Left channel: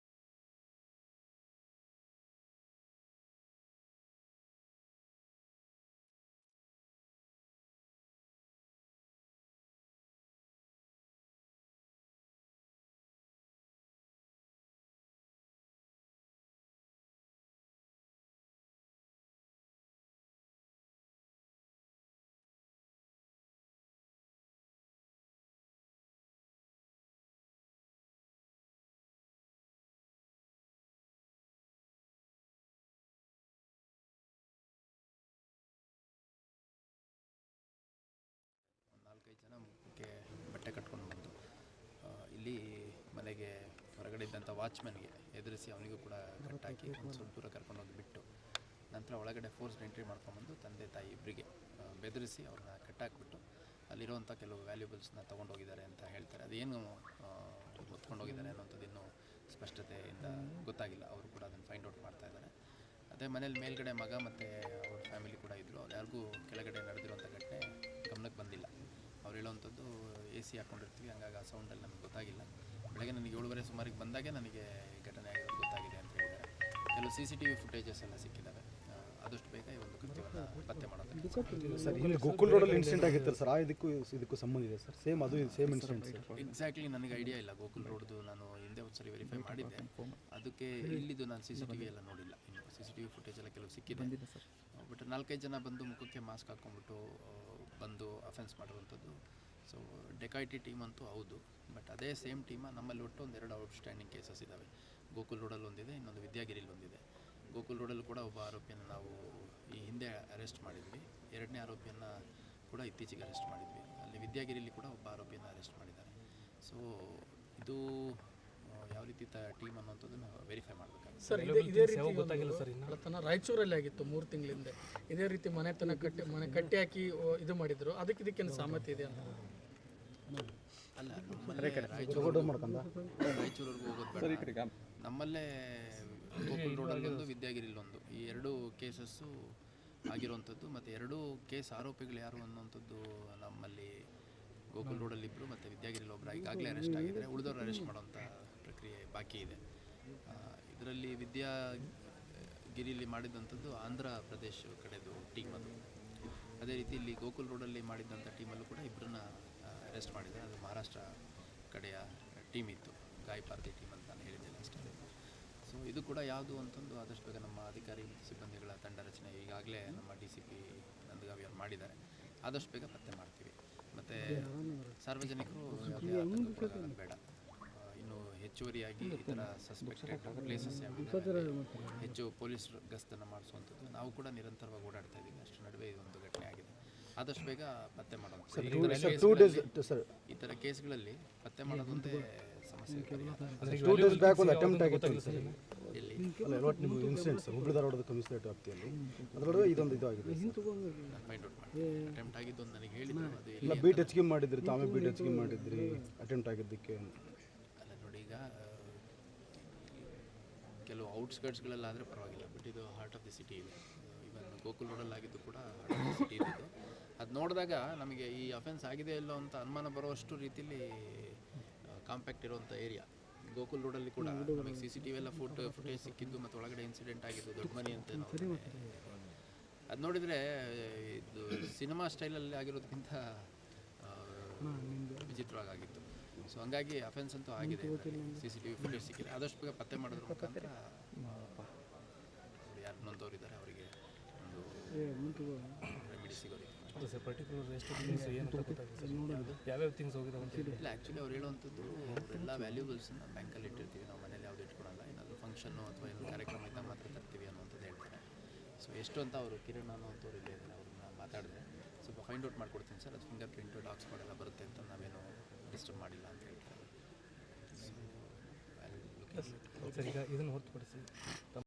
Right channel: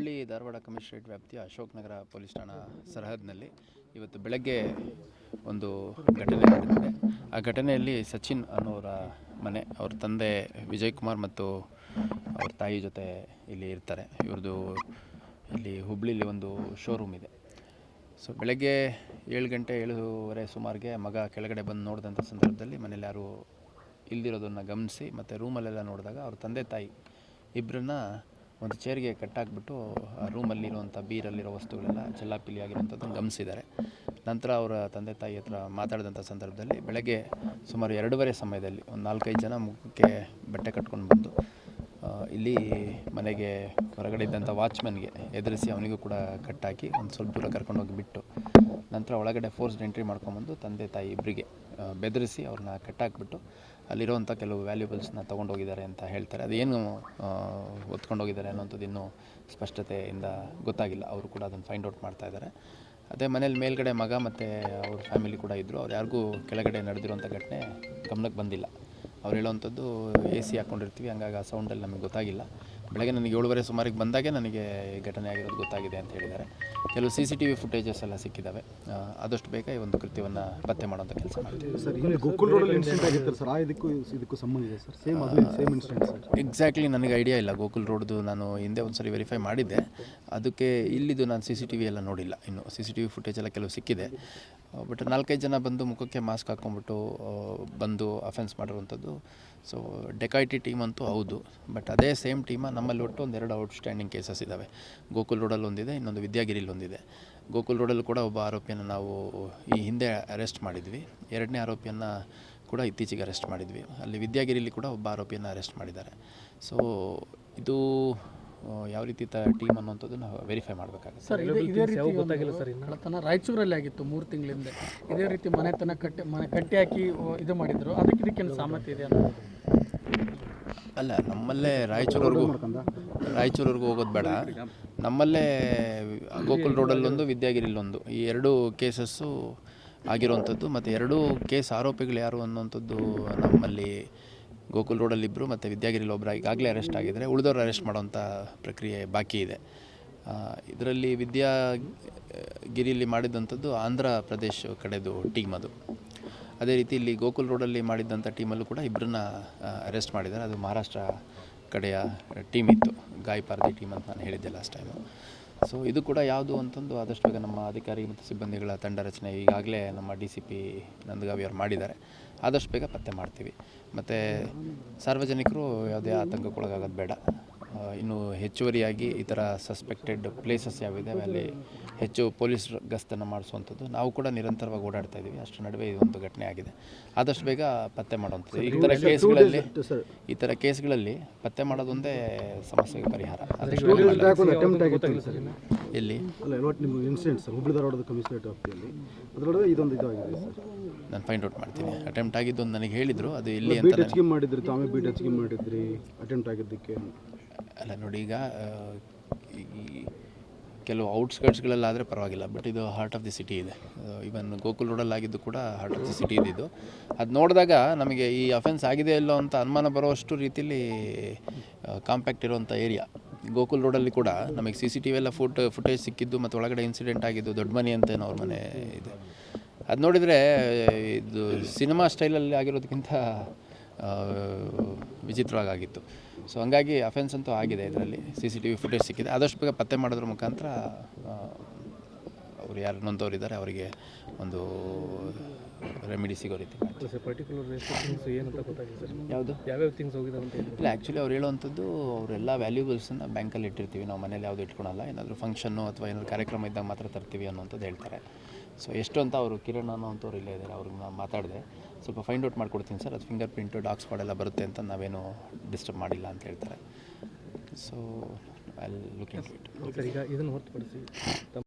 Hubballi Dharwad commissionerate ವ್ಯಾಪ್ತಿಯ Ashok Nagar police ಠಾಣಾ ಸರಹದ್ನಲ್ಲಿ ಇವತ್ತು ಬೆಳಗ್ಗೆ ಒಂದು ಘಟನೆ ನಡೆದಿದೆ. ಆ ಘಟನೆಯಲ್ಲಿ ಸಚಿನ್ ಅನ್ನೋರ ಮನೆ, ಅವ್ರ ತಂದೆ ವಿಜಯ್ ಕುಮಾರ್ ಮತ್ತು ಅವ್ರ ತಾಯಿ ಜೊತೆ ಇಲ್ಲಿ ಇರ್ತಾರೆ. ಇವ್ರದ್ದು ಇಲ್ಲಿ ಹುಬ್ಬಳ್ಳಿಲಿ ಒಂದು ಶೋರೂಮ್ ಇದೆ. ಸೊ ಬೆಳಗ್ಗೆ 7:30 ಸುಮಾರಿಗೆ ಮಗ ಕೆಳಗಡೆ ಬಂದು ನೋಡಿದಂಥ ಸಂದರ್ಭದಲ್ಲಿ ಮನೇಲಿ ಯಾರು ಇಲ್ದಿರೋದನ್ನು ಗಮನಿಸಿ ಮತ್ತು ರೂಮಲ್ಲೆಲ್ಲ ನೋಡಿದಾಗ ಅವ್ರ ತಂದೆ ತಾಯಿ ಇಬ್ಬರನ್ನ ಒಂದು ಚೇರ್ಗೆ ಕಟ್ಟಾಕ್ಬಿಟ್ಟು ಆ ರೂಮಲ್ಲಿರುವಂಥ ಬೀರಲ್ಲಿರೋ ವಸ್ತುಗಳೆಲ್ಲ ಚೆಲ್ಲಾಪಿಲಿ ಆಗಿರೋಂಥದ್ದನ್ನು ಗಮನಿಸಿದ್ದಾರೆ. ನಂತರ ಅವರ ತಂದೆ ತಾಯಿ ಹತ್ರ ಮಾತಾಡಿದಂಥ ಸಂದರ್ಭದಲ್ಲಿ ಬೆಳಗ್ಗೆ ಸುಮಾರು 2:30 ಸಮಯದಲ್ಲಿ ಒಂದು 4-5 ಜನ ಮುಖಕ್ಕೆ ಬಟ್ಟೆ ಕಟ್ಕೊಂಡು ಬಂದು ಇಲ್ಲಿ ಮನೆಗೆ ಹೊರಗಡೆ ಇದ್ದಂಥ ವಾಚ್ಮನ್ಗೆ ಎದುರಿಸಿ ಅವನಿಗೂ ಕೂಡ ಕಟ್ಟಾಕಿ ಒಂದು ಸ್ವಲ್ಪ ದೂರ ಕರ್ಕೊಂಡೋಗಿ ಬಿಟ್ಟು ನಂತರ ಒಳಗಡೆ ಫೋರ್ಸ್ಡ್ ಎಂಟ್ರಿ ಮಾಡ್ಕೊಂಬಂದು ತಂದೆ ತಾಯಿ ಇಬ್ಬರಿಗೆ ಬೆದರಿಸಿ ಅವ್ರನ್ನ ಕಟ್ಟಾಕ್ಬಿಟ್ಟು ಅಲ್ಲಿರೋವಂಥ ಕೆಲವು ವ್ಯಾಲ್ಯೂಬಲ್ಸ್ನ ತೊಗೊಂಡೋಗಿದ್ದಾರೆ ಅಂತ ಹೇಳ್ತಾರೆ. ಅದೇನು ಹೊತ್ಕೊಂಡೋಗಿದ್ದಾರೆ ಅನ್ನೋಂಥದ್ದು ಇನ್ನೂ ಸ್ಪಷ್ಟತೆಯಿಂದ ಗೊತ್ತಾಗಿಲ್ಲ. ಅವರು ಕೂಡ ಅದನ್ನು ಫೈಂಡ್ ಔಟ್ ಮಾಡ್ತಾಯಿದ್ದಾರೆ. ಅದೇ ಮನೇಲಿ ಮೇಲ್ಗಡೆ ಮಗ ಮತ್ತು ಅವ್ರ ಫ್ಯಾಮಿಲಿ ಕೂಡ ಇದ್ದರು. ಅವ್ರು ಯಾರಿಗೂ ಕೆಳಗಡೆ ನಡೆದಿರೋಂಥ ಘಟನೆ ಗಮನಕ್ಕೆ ಬಂದಿಲ್ಲ. ಅವ್ರು ಹೇಳೋವಂಥದ್ದು AC ಹಾಕ್ಕೊಂಡಿರ್ತೀವಿ, ಹಂಗಾಗಿ ಆ ಸೌಂಡಲ್ಲಿ ನಮಗೆ ಗೊತ್ತಾಗಿಲ್ಲ. ಬೆಳಗ್ಗೆ ನನಗೆ 7:30 ಸುಮಾರಿಗೆ ಬಂದಾಗೆ ನನಗೆ ಘಟನೆ ಆಗಿರೋದು ಗೊತ್ತಾಗಿದೆ ಅಂತ ಹೇಳಿದ್ದಾರೆ. ಕೆಲವು CCTV ಫುಟೇಜಸ್ ಎಲ್ಲ ಸಿಕ್ಕಿದ್ದಾವೆ. ಆದಷ್ಟು ಬೇಗ ಈ ಒಂದು ಕೃತ್ಯವನ್ನು ಪತ್ತೆ ಮಾಡೋಂಥ ಕೆಲಸ ಮಾಡ್ತೀವಿ. ಸರ್, ಇಲ್ಲಿ ಗೋಕುಲ್ ರೋಡಲ್ಲಿ ಇನ್ಸಿಡೆಂಟ್ ಆಗಿತ್ತು ಸರ್, ಇದಕ್ಕೂ ಸಂಬಂಧ ಇದೆ sir? Same incident sir? Exactly ನನಗೆ ಐಡಿಯಾ ಇಲ್ಲ. ಗೋಕುಲ್ ರೋಡ್ದು ನಾನು ಹಿಂದೆ ಒಂದು ಸರಿ ವೆರಿಫೈ ಮಾಡಿದ್ದೆ. ಅದಕ್ಕೆ ಇಲ್ಲಿದು ನಾನು CCTV ಎಲ್ಲ ನೋಡಿಲ್ಲ. ಇನ್ನು CCTV ಫುಟೇಜ್ ಎಲ್ಲ ಕೆಲವು ಸಿಕ್ಕಿದೆ. ಬಟ್ 4-5 ಜನ ಬಂದು ಮುಖಕ್ಕೆ ಮಾಸ್ಕ್ ಹಾಕ್ಕೊಂಡ್ಬಿಟ್ಟು ಬಂದು ಅಫೆನ್ಸ್ ಮಾಡಿರುವಂಥದ್ದು. ಸೊ ಡೆಕಾಯಿಟಿ ಟೀಮ್ ಅಂತೂ ಹೌದು. ಬಟ್ ಅದೇ ಸೇಮ್ ಟೀಮ ನಮ್ಮಲ್ಲಿ ಒಟ್ಟು 2 ಔಟ್ಸ್ಟ್ಯಾಂಡಿಂಗ್ ಕೇಸಸ್ ಇದ್ದಾವೆ. ಗೋಕುಲ್ ರೋಡಲ್ಲಿ ಒಂದಿದೆ, ಇನ್ನೊಂದು ವಿದ್ಯಾಗಿರಿಲಿ ಒಂದಿದೆ. ಗೋಕುಲ್ ರೋಡಲ್ಲೂ ಕೂಡ ಒಬ್ಬ ಆರೋಪಿಯನ್ನು ನಾವು ಈ ಹಿಂದೆ ಅರೆಸ್ಟ್ ಮಾಡಿದ್ವಿ. 2ನೇ ಆರೋಪಿಯನ್ನು ಕೂಡ ಇತ್ತೀಚೆಗೆ ಅರೆಸ್ಟ್ ಮಾಡಿದ್ವಿ. ಅಲ್ಲಿ ವಿದ್ಯಾಗಿರಿಲಿ ಕೂಡ ಒಬ್ಬ ಆರೋಪಿಯನ್ನು ಅರೆಸ್ಟ್ ಮಾಡಿದ್ದಾರೆ. ಸೊ ಇದು ಯಾವ ರೀತಿ ಟೀಮ್ ಅನ್ನೋಂಥದ್ದು ನಾವು ವೆರಿಫೈ ಮಾಡಬೇಕಾಗುತ್ತೆ. ಸರ್, ಗೊತ್ತಾಗಿಲ್ಲ ಸರ್. ತನ್ನ ರಾಯಚೂರಲ್ಲಿ ಆಗಿತ್ತು 3 ತಿಂಗಳಿಂದ ಇದೇ ರೀತಿ ಮನೆ ಕಟ್ಟಿ ಹಾಕಿ ಇದು ಮಾಡಿದ್ರು. ಇದಕ್ಕೇನು ಸಾಮರ್ಥ್ಯ ಇದೆ ಅನ್ನೋದು? ಅಲ್ಲ, ನಮ್ಮಲ್ಲೇ ರಾಯಚೂರಿವರೆಗೂ ಹೋಗೋದು ಬೇಡ. ನಮ್ಮಲ್ಲೇ ಗೋಕುಲ್ ರೋಡಲ್ಲೊಂದು, ವಿದ್ಯಾಗಿರಿಲೊಂದು, ಈ 2 ಕೇಸಸ್ಸು ಆಗಿರುವಂಥದ್ದು. ಮತ್ತು 2 ಕೇಸ್ ಆರೋಪಿಗಳು ಯಾರು ಅನ್ನೋಂಥದ್ದು ನಮ್ಮಲ್ಲಿ ಗೋಕುಲ್ ರೋಡಲ್ಲಿ ಇಬ್ಬರು ಮತ್ತು ವಿದ್ಯಾಗಿರಿಲಿ ಒಬ್ಬರು ಈಗಾಗಲೇ ಅರೆಸ್ಟ್ ಆಗಿದ್ದಾರೆ. ಉಳಿದವರು ಅರೆಸ್ಟ್ ಮಾಡೋವಂಥ ಪ್ರಕ್ರಿಯೆ ಬಾಕಿ ಇದೆ. ಇದರಲ್ಲಿ ವಿದ್ಯಾಗಿರಿಲಿ ಮಾಡಿದಂಥದ್ದು ಆಂಧ್ರ ಪ್ರದೇಶ ಕಡೆದು ಟೀಮ್ ಅದು. ಅದೇ ರೀತಿ ಇಲ್ಲಿ ಗೋಕುಲ್ ರೋಡಲ್ಲಿ ಮಾಡಿದ್ದಂಥ ಟೀಮಲ್ಲೂ ಕೂಡ ಇಬ್ಬರನ್ನ ಅರೆಸ್ಟ್ ಮಾಡಿದ್ದಾರೆ. ಅದು ಮಹಾರಾಷ್ಟ್ರ ಕಡೆಯ ಟೀಮ್ ಇತ್ತು, ಗಾಯಪಾರ್ದಿ ಟೀಮ್ ಅಂತ ನಾನು ಹೇಳಿದ್ದೆ ಲಾಸ್ಟ್ ಟೈಮು. ಸೊ ಇದು ಕೂಡ ಯಾವುದು ಅಂತಂದು ಆದಷ್ಟು ಬೇಗ ನಮ್ಮ ಅಧಿಕಾರಿ ಮತ್ತು ಸಿಬ್ಬಂದಿಗಳ ತಂಡ ರಚನೆ ಈಗಾಗಲೇ ನಮ್ಮ DCP ನಂದಗಾವಿ ಅವರು ಮಾಡಿದ್ದಾರೆ. ಆದಷ್ಟು ಬೇಗ ಪತ್ತೆ ಮಾಡ್ತೀವಿ. ಮತ್ತು ಸಾರ್ವಜನಿಕರು ಯಾವುದೇ ಆತಂಕಕ್ಕೊಳಗಾಗೋದು ಬೇಡ. ಇನ್ನು ಹೆಚ್ಚುವರಿಯಾಗಿ ಈ ಥರ ಸಸ್ಪೆಕ್ಟೆಡ್ ಪ್ಲೇಸಸ್ ಯಾವಿದ್ದಾವೆ ಅಲ್ಲಿ ಹೆಚ್ಚು ಪೊಲೀಸ್ ಗಸ್ತನ್ನು ಮಾಡಿಸುವಂಥದ್ದು ನಾವು ಕೂಡ ನಿರಂತರವಾಗಿ ಓಡಾಡ್ತಾ ಇದ್ದೀವಿ. ಅಷ್ಟರ ನಡುವೆ ಇದೊಂದು ಘಟನೆ ಆಗಿದೆ. ಆದಷ್ಟು ಬೇಗ ಪತ್ತೆ ಮಾಡುವಂಥದ್ದು. ಈ ಥರ ಕೇಸ್ಗಳಲ್ಲಿ ಪತ್ತೆ ಮಾಡೋದೊಂದೇ ಸಮಸ್ಯೆಗೆ ಪರಿಹಾರ. ಎಲ್ಲಿ ಇನ್ಸಿಡೆಂಟ್ ಸರ್, ಹುಬ್ಬಳ್ಳಿ ಧಾರವಾಡದ ಕಮಿಷನರೇಟ್ ವ್ಯಾಪ್ತಿಯಲ್ಲಿ ಅದರೊಳಗೆ ಇದೊಂದು ಇದಾಗಿದೆ ಸರ್. ನಾನು ಫೈಂಡ್ ಔಟ್ ಮಾಡ್ತೀನಿ. ಅಟೆಂಪ್ಟ್ ಆಗಿದ್ದು ಅಂತ ನನಗೆ ಹೇಳಿದರು. ಅದು ಇಲ್ಲಿ ಬೀಟ್ ಹೆಚ್ಚಿಗೆ ಮಾಡಿದ್ರಿ, ತಾವೇ ಬೀಟ್ ಹೆಚ್ಚಿಗೆ ಮಾಡಿದ್ರಿ ಅಟೆಂಪ್ಟ್ ಆಗಿದ್ದಕ್ಕೆ? ಅಲ್ಲ ನೋಡಿ, ಈಗ ಕೆಲವು ಔಟ್ಸ್ಕರ್ಟ್ಸ್ಗಳಲ್ಲಾದರೆ ಪರವಾಗಿಲ್ಲ. ಬಟ್ ಇದು ಹಾರ್ಟ್ ಆಫ್ ದಿ ಸಿಟಿ ಇದೆ. ಇವನ್ ಗೋಕುಲ್ ರೋಡಲ್ಲಿ ಆಗಿದ್ದು ಕೂಡ ಹಾರ್ಟ್ ಆಫ್ ದಿ ಸಿಟಿ ಇದ್ದಿದ್ದು. ಅದು ನೋಡಿದಾಗ ನಮಗೆ ಈ ಅಫೆನ್ಸ್ ಆಗಿದೆ ಇಲ್ಲೋ ಅಂತ ಅನುಮಾನ ಬರುವಷ್ಟು ರೀತಿಯಲ್ಲಿ ಕಾಂಪ್ಯಾಕ್ಟ್ ಇರುವಂಥ ಏರಿಯಾ. ಗೋಕುಲ್ ರೋಡಲ್ಲಿ ಕೂಡ ನಮಗೆ CCTV ಎಲ್ಲ ಫುಟೇಜ್ ಸಿಕ್ಕಿದ್ದು ಮತ್ತು ಒಳಗಡೆ ಇನ್ಸಿಡೆಂಟ್ ಆಗಿದ್ದು ದೊಡ್ಡ ಮನೆ ಅಂತೇನೋ ಅವ್ರ ಮನೆ ಇದೆ. ಅದು ನೋಡಿದರೆ ಇದು ಸಿನಿಮಾ ಸ್ಟೈಲಲ್ಲಿ ಆಗಿರೋದಕ್ಕಿಂತ ವಿಚಿತ್ರವಾಗಿತ್ತು. ಸೊ ಹಂಗಾಗಿ ಅಫೆನ್ಸ್ ಅಂತೂ ಆಗಿದೆ. ಇದರಲ್ಲಿ CCTV ಫುಟೇಜ್ ಸಿಕ್ಕಿದೆ. ಆದಷ್ಟು ಬೇಗ ಪತ್ತೆ ಮಾಡೋದ್ರ ಮುಖಾಂತರ ಅವರು ಯಾರು ನೊಂದವ್ರು ಇದ್ದಾರೆ ಅವರಿಗೆ ಒಂದು ರೆಮಿಡಿ ಸಿಗೋ ರೀತಿ. ಯಾವುದು ಯಾವ್ಯಾವ ಥಿಂಗ್ಸ್ ಹೋಗಿದ್ದಾವೆ ಅಂತ ಹೇಳಿ? ಇಲ್ಲ, ಆ್ಯಕ್ಚುಲಿ ಅವ್ರು ಹೇಳುವಂಥದ್ದು ಅವರೆಲ್ಲ ವ್ಯಾಲ್ಯೂಬಲ್ಸನ್ನು ಬ್ಯಾಂಕಲ್ಲಿ ಇಟ್ಟಿರ್ತೀವಿ, ನಾವು ಮನೇಲಿ ಯಾವುದು ಇಟ್ಕೊಳಲ್ಲ. ಏನಾದರೂ ಫಂಕ್ಷನ್ನು ಅಥವಾ ಏನಾದರೂ ಕಾರ್ಯಕ್ರಮ ಇದ್ದಾಗ ಮಾತ್ರ ತರ್ತೀವಿ ಅನ್ನೋಂಥದ್ದು ಹೇಳ್ತಾರೆ. ಸೊ ಎಷ್ಟು ಅಂತ ಅವರು ಕಿರಣ್ ಅನ್ನೋಂಥವ್ರು ಇಲ್ಲೇ ಇದ್ದಾರೆ, ಅವ್ರಿಗೆ ನಾನು ಮಾತಾಡಿದೆ. ಸ್ವಲ್ಪ ಫೈಂಡ್ ಔಟ್ ಮಾಡ್ಕೊಡ್ತೀನಿ ಸರ್, ಅದು ಫಿಂಗರ್ ಪ್ರಿಂಟು ಡಾಗ್ ಸ್ಪಾಟ್ ಎಲ್ಲ ಬರುತ್ತೆ ಅಂತ ನಾವೇನು ಡಿಸ್ಟರ್ಬ್ ಮಾಡಿಲ್ಲ ಅಂತ ಹೇಳ್ತಾರೆ. So I will look into it. Sir, ಈಗ ಇದನ್ನು ಹೊರತುಪಡಿಸಿ